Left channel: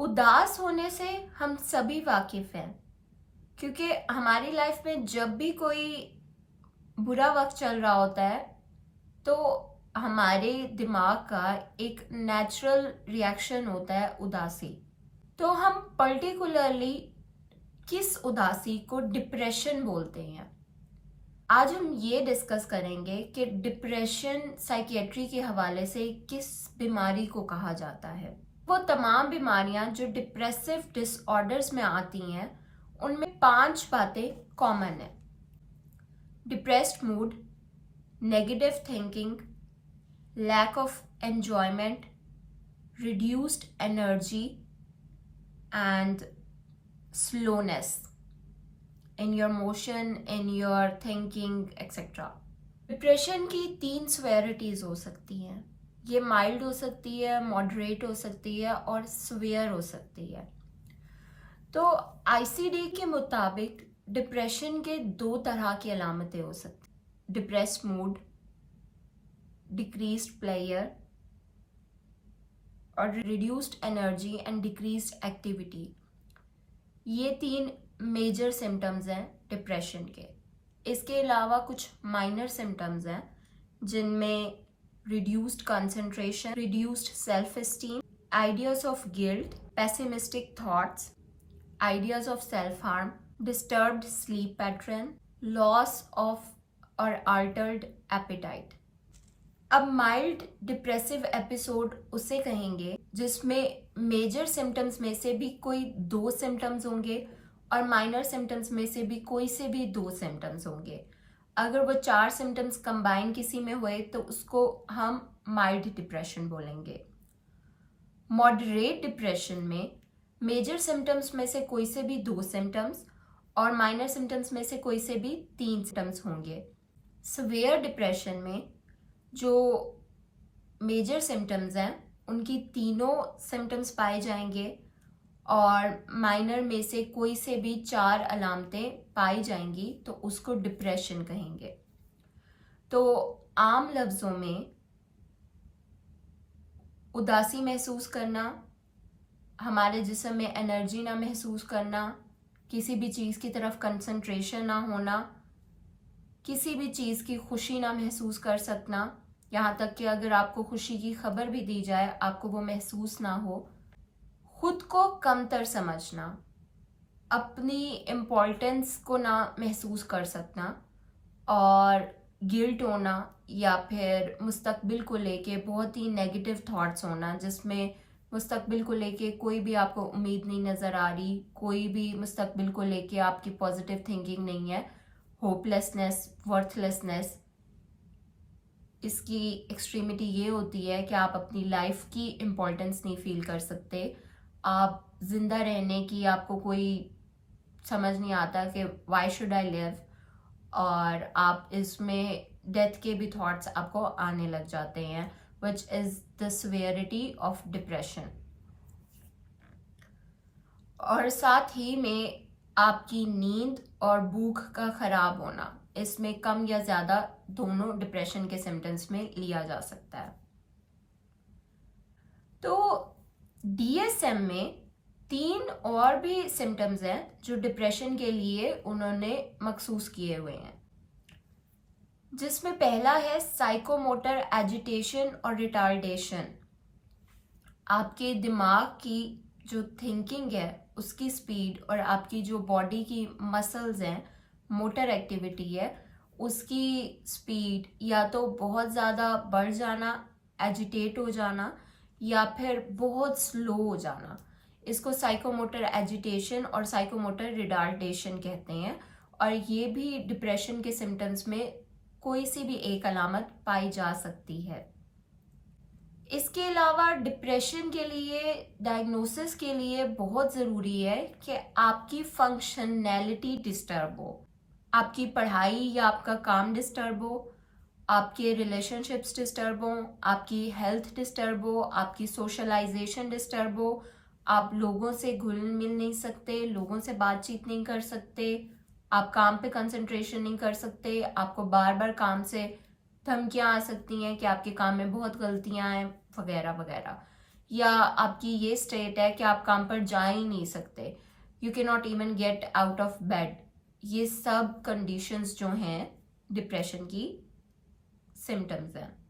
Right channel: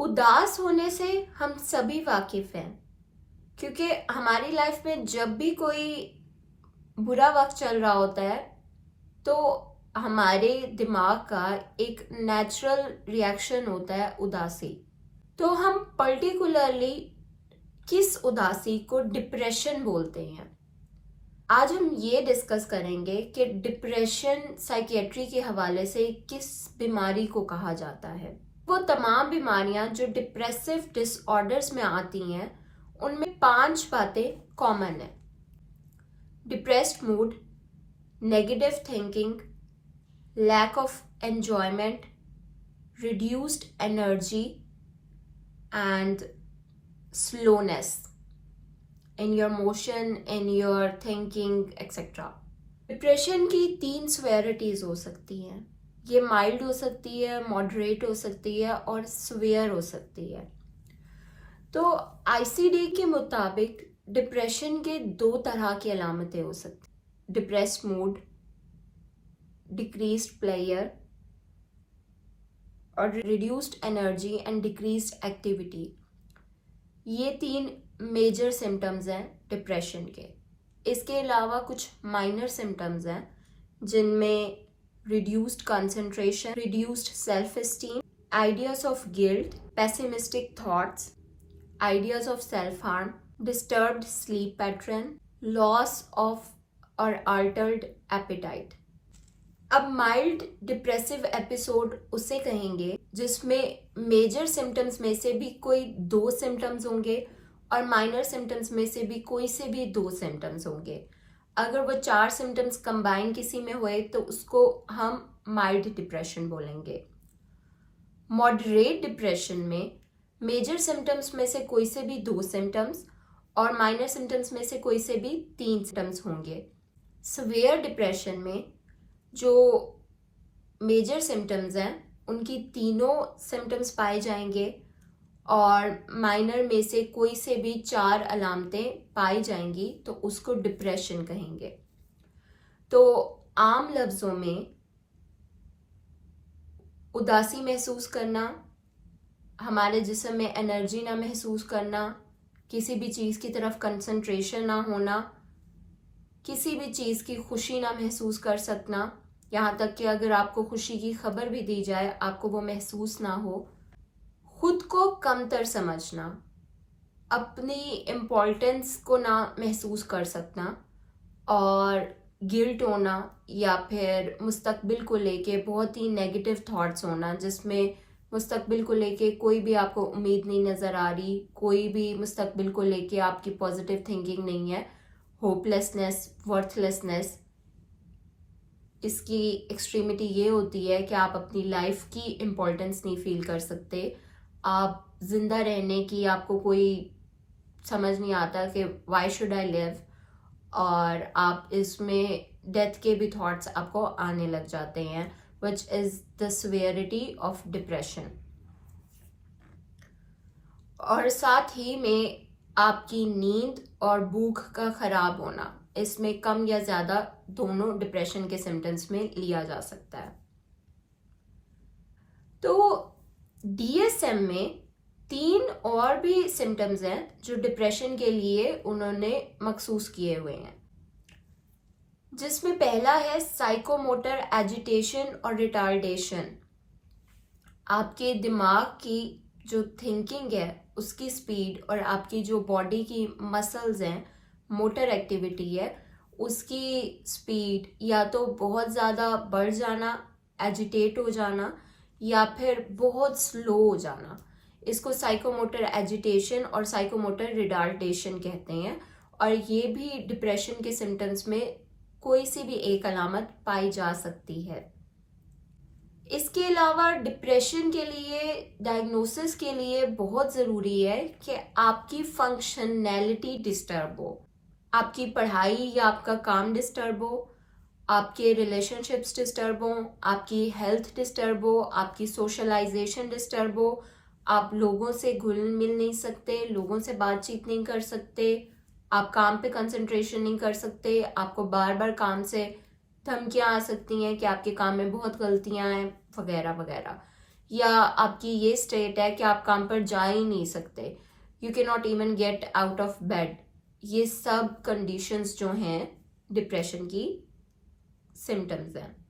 उदास होने से हम सभी वाकिफ हैं, क्योंकि हमारी लाइफ में जब भी कोई बुरा वक्त चल रहा होता है तो हमारे दिमाग का एक नेचुरल रिएक्शन होता है उदासी। तो हम पर्टिकुलरली किस उदासी को डिप्रेशन बोलते हैं। आज हम ये डिस्कस करेंगे कि डिप्रेशन साइकियाट्री के हवाले से किस बीमारी को कहा जाता है। वो तमाम बीमारियां जो डिप्रेसिव डिसऑर्डर्स में आती हैं उनमें 5 बातें कॉमन है: depressed mood, negative thinking, lack of enjoyment, reduced energy and slowness in your motion, in your thinking, etc. Depression की 3 सेवेरिटीज हो सकती हैं। ये माइल्ड हो सकती है, मॉडरेट हो सकती है और सीवियर हो सकती है। तो आईसीडी के मुताबिक डिप्रेशन के 2 तरह की अलामतें हो सकती हैं: डिप्रेस्ड मूड, डिक्रीज्ड प्लेयर और reduced energy and decreased activity. ये 3 मेजर सिम्टम्स हैं डिप्रेशन के। इसके अलावा कुछ माइनर सिम्टम्स हैं जिनमें reduced concentration, reduced self esteem, ideas of guilt, pessimistic thoughts, ideas of self harm, disturbed sleep pattern, loss of और अल्टर्ड एपेटाइट। अब माइल्ड डिप्रेसिव एपिसोड उसे कहेंगे जिसमें मेजर सिम्टम्स में से भी कोई 2 सिम्टम्स होंगे और माइनर सिम्टम्स में से भी कोई से भी 2 सिम्टम्स होंगे। अगर वो 4 सिम्टम्स कंबाइन किसी में हुए तो उसको हम माइल्ड डिप्रेशन बोलेंगे। मॉडरेट डिप्रेशन में मेजर सिम्टम्स में से कोई से भी 2 सिम्टम्स और माइनर सिम्टम्स में से कोई से भी 3 सिम्टम्स होंगे। सीवियर डिप्रेशन में जो मेजर सिम्टम्स हैं उनकी तीनों सिम्टम्स पाए जाएंगे और माइनर में से कोई से भी 4 अलामतें पाई जाएंगी तो उसको डिप्रेशन कहेंगे। तो आम लफ्ज़ों में उदासी महसूस करना, हमारे जिस्म में एनर्जी ना महसूस करना, किसी भी चीज़ की तरफ कंसंट्रेशन ना होना, किसी भी चीज़ की खुशी ना महसूस कर सकना, यहाँ तक कि अगर आपको खुशी की खबर भी दी जाए आपको वो महसूस ना हो, खुद को कमतर समझना, अपनी इम्पोर्टेंस को ना महसूस कर सकना और गिल्ट होना या फिर मुस्तकबिल को लेके बहुत ही नेगेटिव थॉट्स होना जिसमें मुस्तकबिल को लेके कोई भी आपको उम्मीद नहीं नज़र आ रही, कोई भी मुस्तकबिल को लेके आपकी पॉजिटिव थिंकिंग नहीं है, होपलेसनेस, वर्थलेसनेस। इसकी एक्सट्रीमिटी ये होती है कि आप अपनी लाइफ की इम्पोर्टेंस नहीं फील कर सकते, आप जिंदा रहने की आपको कोई समझ नहीं आता कि वाई शुड आई लिव, और आप इसमें डेथ के भी थॉट्स आपको आने लग जाते हैं, which is the severity of depression. और साथ ही में आपकी नींद और भूख का ख़राब होना, इसमें कम या ज़्यादा दोनों डिप्रेशन के सिम्टम्स में लिया जा सकता है। तो डीएसएम में 3 और भी सिम्टम्स हैं जो डिप्रेशन के लिए उन्होंने मखसूस किए हुए हैं, जिसमें पहला है साइकोमोटर एजिटेशन और रिटार्डेशन। आपके दिमाग की जो थिंकिंग है उसकी स्पीड और आपकी जो बॉडी की मसल्स हैं, मोटर एक्टिविटी है, उसकी स्पीड या तो बहुत ज़्यादा बढ़ जाना, एजिटेट हो जाना, या फिर बहुत स्लो हो जाना। इसको साइकोमोटर एजिटेशन और साइकोमोटर रिटार्डेशन कहते हैं और ये भी डिप्रेशन के सिम्टम्स में कोई सी भी एक अलामत पाई जा सकती है। इसके अलावा डिप्रेशन के लिए डायग्नोसिस के लिए बहुत ज़रूरी है कि आपकी फंक्शनैलिटी डिस्टर्ब हो, आपकी पढ़ाई या आपका काम डिस्टर्ब हो, आपके रिलेशनशिप्स डिस्टर्ब हो, आपकी हेल्थ डिस्टर्ब हो, आपकी सोशलाइजेशन डिस्टर्ब हो, आप लोगों से घुल मिल नहीं सकते, लोगों से बातचीत नहीं कर सकते, आप काम पे कंसंट्रेशन नहीं कर सकते, आपको बार बार काम से धमकियाँ आ सकती हैं कि आपके काम में बहुत गलतियाँ हैं, वगैरह वगैरह। या आपकी ये स्टेट है कि आप काम पर जा ही नहीं सकते, you can not even get out of bed, ये सब कंडीशंस जो हैं डिप्रेशन की सिम्टम्स हैं।